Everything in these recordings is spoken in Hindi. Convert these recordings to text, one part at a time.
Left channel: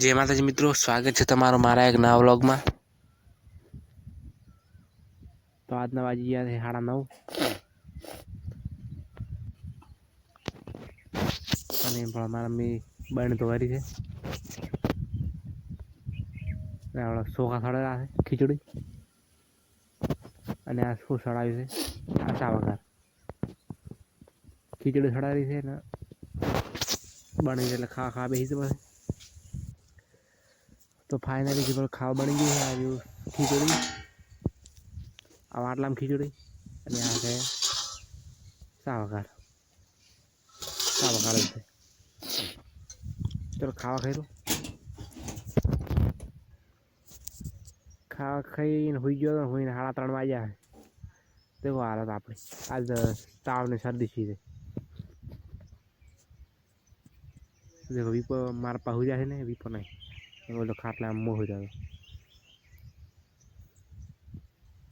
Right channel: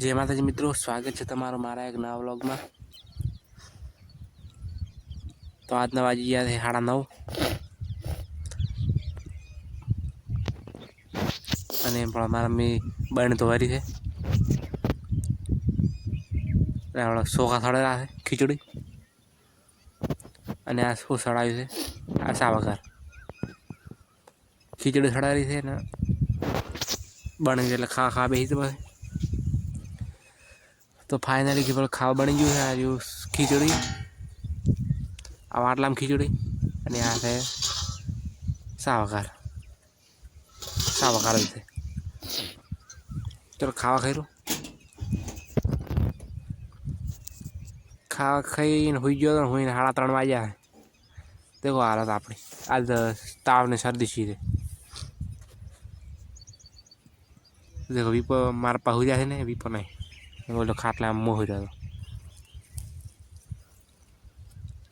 जय माताजी मित्रों, स्वागत है तमारो मारा एक नवा व्लॉग में। तो आज वाजी गया है 9:30 અને પણ મારા મે બહેન તો વારી છે રાવળો સોખા સળેલા છે ખીચડી અને આ શું સળાયું છે આ સાવકાર ખીચડી સળારી છે ને બની એટલે ખા બેસી તો તો ફાઇનલી કે ખાવા બની ગયું છે આ ખીચડી આ આટલામાં ખીચડી અને આ છે સાવકાર છે चलो खावा खाई लो खावा खाई हुई गयो तो हुई 3:30 वाग्या है। देखो हालत अपनी आज ताव ने सर्दी सी है। देखो वीपो मार पहुँच जाए ने वीपो नहीं बोलो खाटला मोह हो जाए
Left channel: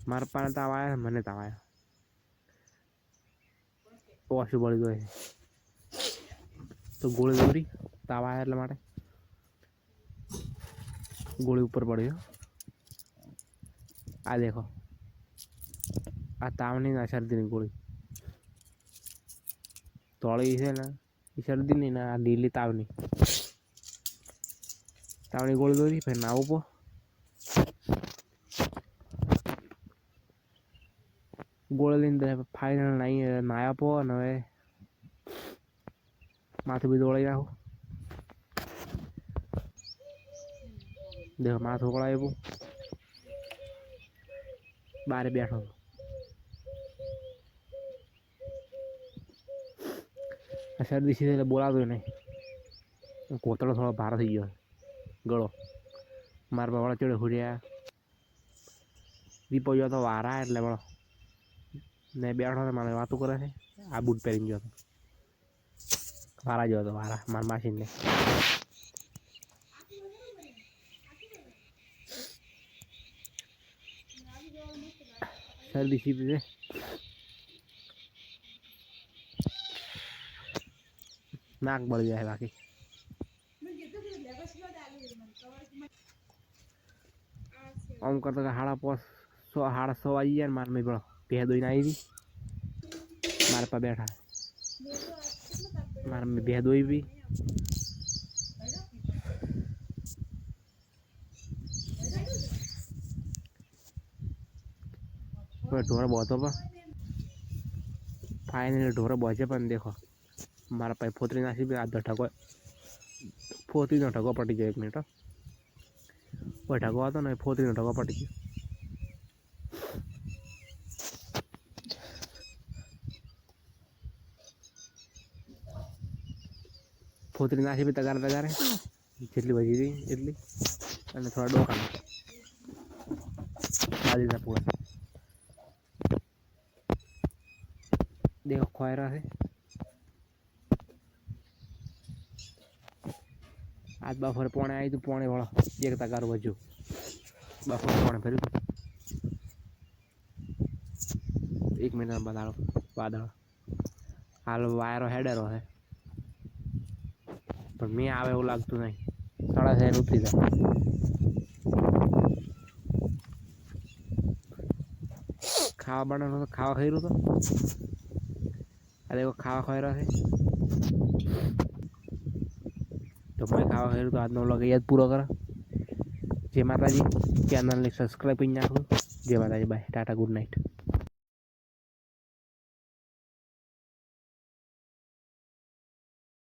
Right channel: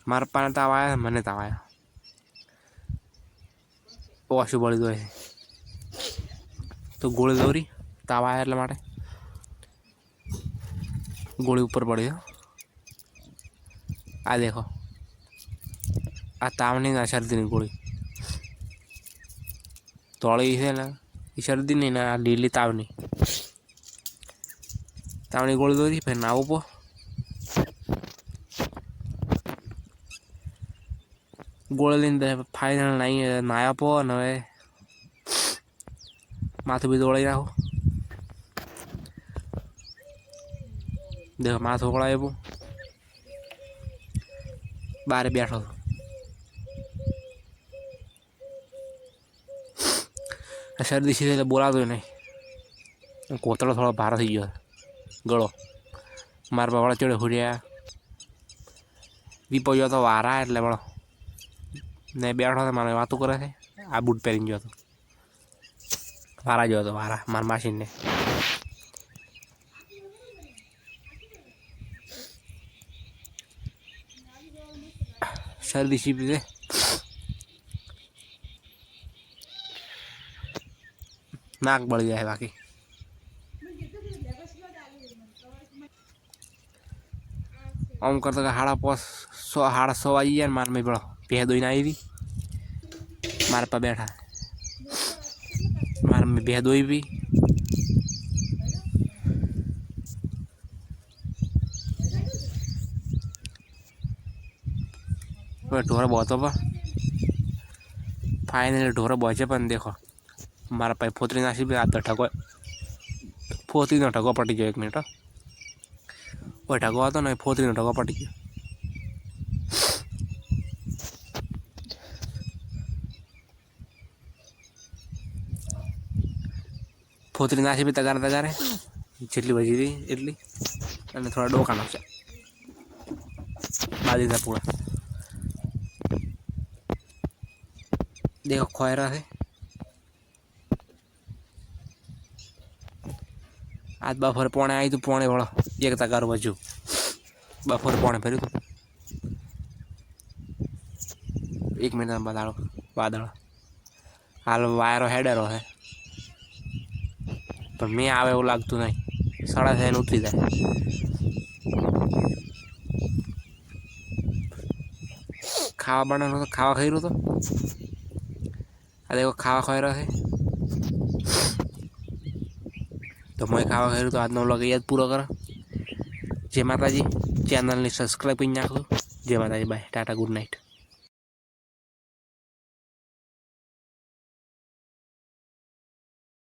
मार पाने ताव आया मने ताव आया ओशु बड़ी दो है तो गोली दौरी ताव आया એટલે માટે गोली ऊपर पड़ी है। आ देखो आ तावनी ना सर्दी नहीं गोली तोड़ी है ना सर्दी नहीं ना लीली तावनी गोली दौरी फिर नाव पो गोली लीने फाइनल नहीं नाया पो न माथु भी दौड़ी राखो। देखो माथो ओकड़ा वो बारे बैठो सर्दी सी बोला तो नहीं कोतड़ो थोड़ा भार थी गयो गड़ो मार बाबा चढ़े हुरिया वीपो जो तो वारा एटले बड़ो ने बैठो तो मारे वातों करे थे आ बूट पहरी गयो तो वारा जो तो वारा मार मशीन ने सर्दी सी पीते नाक बढ़ जाए बाकी आम करते 6:30 वाजी जाए मार में बड़ो पे दो आई भी मार पर बैठा मार में बे दो भी ढोर बहुत फाइनली ढोर बचे पर देखो मारा पाई फोतरी नासी भी आता ठगो फोतरी नो ठगो पटी गयो 1 मिनट वो ठगो आता ना फोतरी नो ठगो पटी गयो फोतरी नासी भी तगारे जेटली बजी रही एटली અને થોડા ડોકાનો છે આ દીધા પૂરા देखो खोयरा है आज बफर पौने आई तो पौने वाला एक तगार बजू बफर पौने फिर 1 मिनट में बताओ बादल हाल वायरो हेडरो है पर मैं आवे वो लगत नहीं 6:30 उतरी जाए खावा बना तो खावा खाई रो तो देखो खावा खाई रहा है तो मैं खावा खाई तो आज व्लॉग याद पूरा करा। जय माताजी चैनल ने सब्सक्राइब कर नाखो। जय माताजी बाय टाटा गुड नाइट।